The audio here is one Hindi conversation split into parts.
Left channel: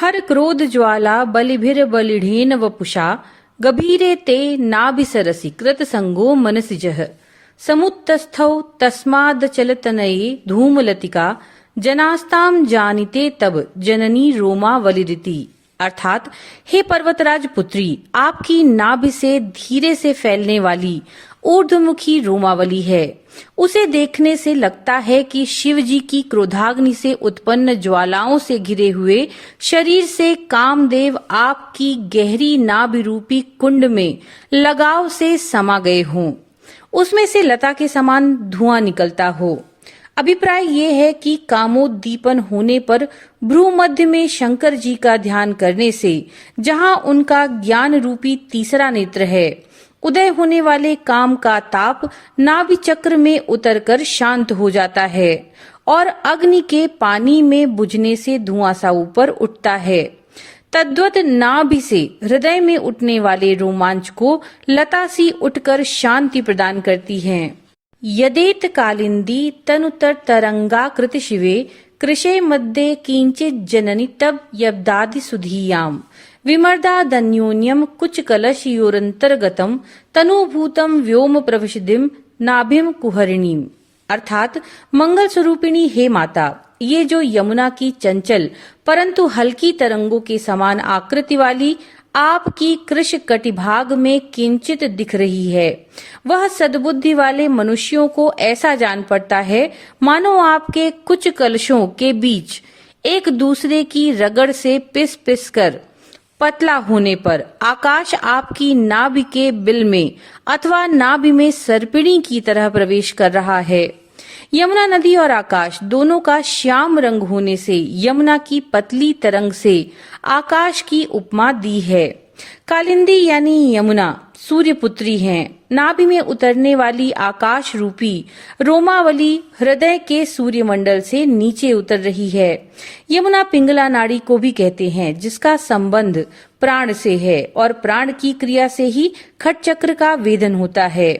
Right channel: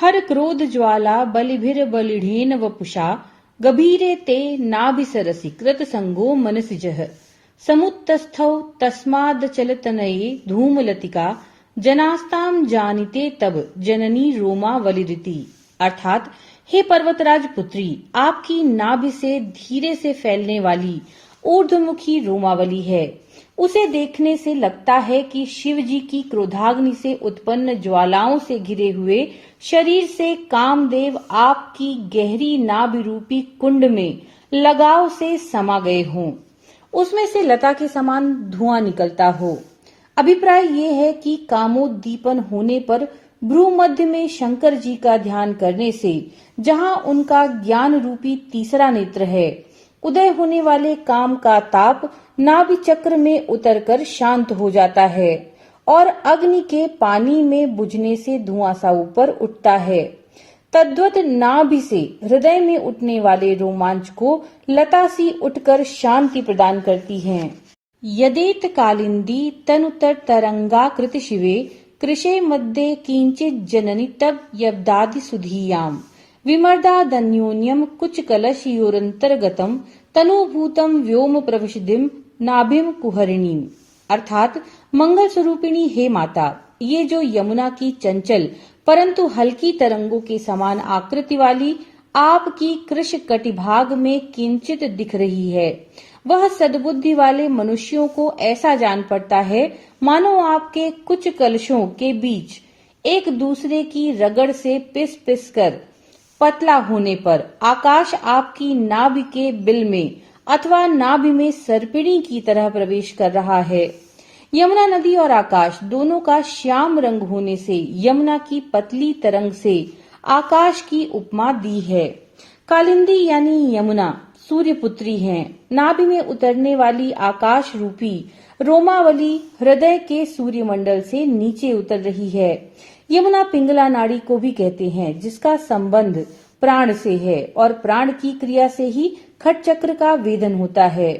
हर क्रोध ज्वाला बलिभिर बलिढेन वपुषा गभीरे ते नाभिसरसि कृत संगो मनसिजः समुत्तस्थौ तस्माद चलतनये धूमलतिका जनास्ताम जानिते तब जननी रोमावलिरिति। अर्थात हे पर्वतराज पुत्री, आपकी नाभि से धीरे से फैलने वाली ऊर्ध्वमुखी रोमावली है। उसे देखने से लगता है कि शिव जी की क्रोधाग्नि से उत्पन्न ज्वालाओं से घिरे हुए शरीर से कामदेव आपकी गहरी नाभि रूपी कुंड में लगाव से समा गए हों, उसमें से लता के समान धुआं निकलता हो। अभिप्राय ये है कि कामोद्दीपन होने पर भ्रू मध्य में शंकर जी का ध्यान करने से जहां उनका ज्ञान रूपी तीसरा नेत्र है, उदय होने वाले काम का ताप नाभि चक्र में उतरकर शांत हो जाता है और अग्नि के पानी में बुझने से धुआं सा ऊपर उठता है। तद्वत नाभि से हृदय में उठने वाले रोमांच को लता सी उठकर शांति प्रदान करती हैं। यदेत कालिंदी तनुतर तरंगा कृत शिवे कृशे मध्य किंचित जननी तब यब्दादि सुधीयाम विमर्दादन्योन्यम कुच कलश योरंतर्गतम तनुभूतम व्योम प्रविशदिम नाभिम कुहरिणीम। अर्थात मंगल स्वरूपिणी हे माता, ये जो यमुना की चंचल परंतु हल्की तरंगों के समान आकृति वाली आपकी कृश कटिभाग में किंचित दिख रही है, वह सद्बुद्धि वाले मनुष्यों को ऐसा जान पड़ता है मानो आपके कुछ कलशों के बीच एक दूसरे की रगड़ से पिस पिस कर पतला होने पर आकाश आपकी नाभि के बिल में अथवा नाभि में सर्पिणी की तरह प्रवेश कर रहा है। यमुना नदी और आकाश दोनों का श्याम रंग होने से यमुना की पतली तरंग से आकाश की उपमा दी है। कालिंदी यानी यमुना सूर्य पुत्री हैं। नाभि में उतरने वाली आकाश रूपी रोमावली हृदय के सूर्यमंडल से नीचे उतर रही है। यमुना पिंगला नाड़ी को भी कहते हैं, जिसका संबंध प्राण से है और प्राण की क्रिया से ही खट चक्र का वेदन होता है।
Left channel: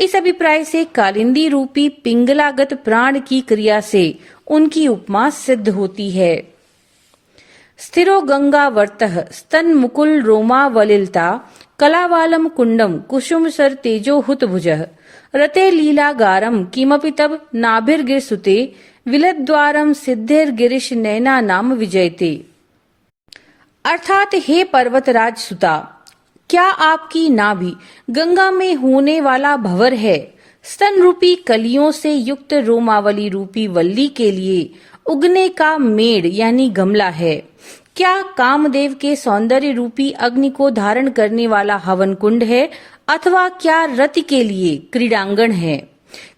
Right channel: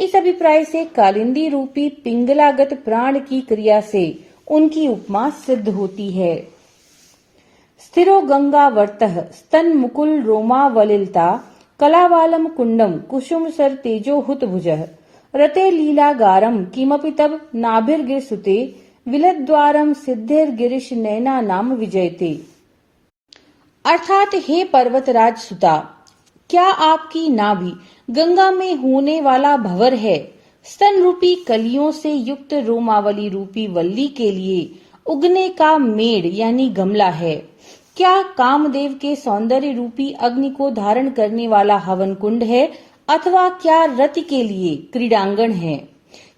इस अभिप्राय से कालिंदी रूपी पिंगलागत प्राण की क्रिया से उनकी उपमा सिद्ध होती है। स्थिरो गंगावर्तः स्तन मुकुल रोमावलिलता कलावालम कुंडम कुसुम सर तेजो हुत भुजः रते लीलागारम किमपि तब नाभिर्गिर सुते विलद्वारम सिद्धिर गिरिश नैना नाम विजयते। अर्थात हे पर्वतराज सुता, क्या आपकी नाभि गंगा में होने वाला भंवर है? स्तन रूपी कलियों से युक्त रोमावली रूपी वल्ली के लिए उगने का मेड़ यानी गमला है? क्या कामदेव के सौंदर्य रूपी अग्नि को धारण करने वाला हवन कुंड है अथवा क्या रति के लिए क्रीड़ांगण है?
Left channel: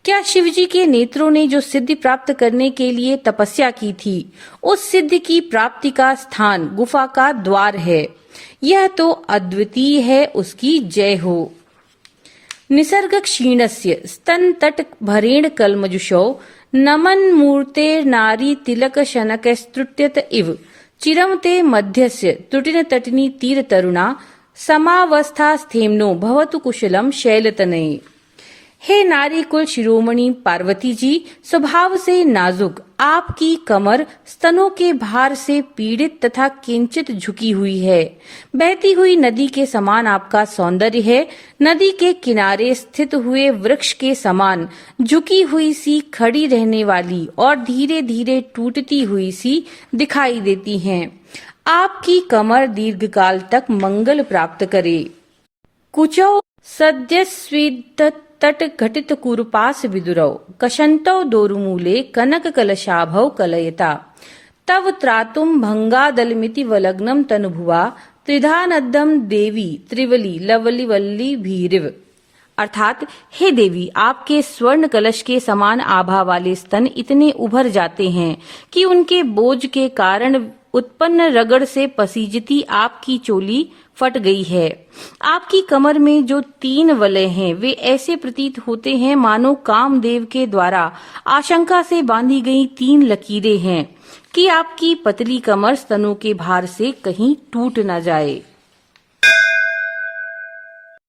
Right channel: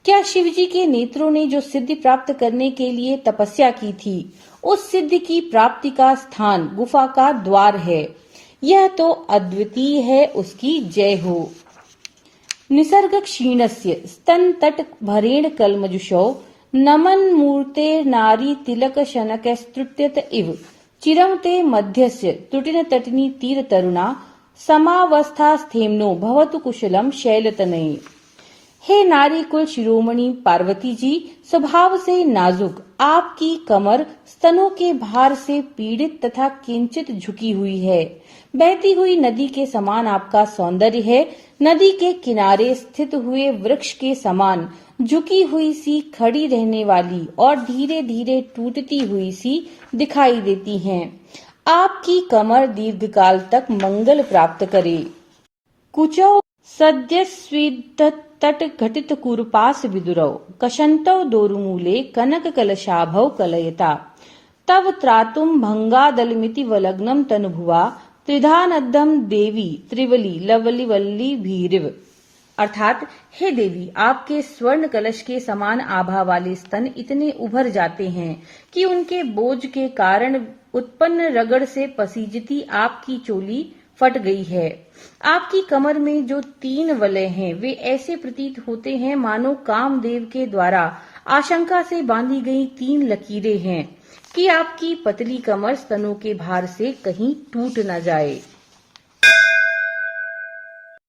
क्या शिवजी के नेत्रों ने जो सिद्धि प्राप्त करने के लिए तपस्या की थी, उस सिद्धि की प्राप्ति का स्थान गुफा का द्वार है? यह तो अद्वितीय है, उसकी जय हो। निसर्ग क्षीणस्य स्तन तट भरेण कलमजुषौ नमन मूर्तेर नारी तिलक शनक स्तुत्यत इव चिरम ते मध्यस्य त्रुटिन तटिनी तीर तरुणा समावस्था स्थेम्नो भवतु कुशलम शैलतनये। हे नारी कुल शिरोमणि पार्वती जी, स्वभाव से नाजुक आपकी कमर स्तनों के भार से पीड़ित तथा किंचित झुकी हुई है। बहती हुई नदी के समान आपका सौंदर्य है। नदी के किनारे स्थित हुए वृक्ष के समान झुकी हुई सी खड़ी रहने वाली और धीरे धीरे टूटती हुई सी दिखाई देती हैं। आपकी कमर दीर्घकाल तक मंगल प्राप्त करे। कुचौ सद्यस्विद तट घटित कुरुपास विदुरौ कशंतौ दोरुमूले कनक कलशाभौ कलयता तव त्रातुम भंगादलमिति वलग्नम तनुभुवा त्रिधानद्धम देवी त्रिवली लवली वल्ली भीरिव। अर्थात हे देवी, आपके स्वर्ण कलश के समान आभा वाले स्तन इतने उभर जाते हैं कि उनके बोझ के कारण उत्पन्न रगड़ से पसीजती आपकी चोली फट गई है। आपकी कमर में जो 3 वलय हैं, वे ऐसे प्रतीत होते हैं मानो कामदेव के द्वारा आशंका से बांधी गई 3 लकीरें हैं कि आपकी पतली कमर स्तनों के भार से कहीं टूट न जाए।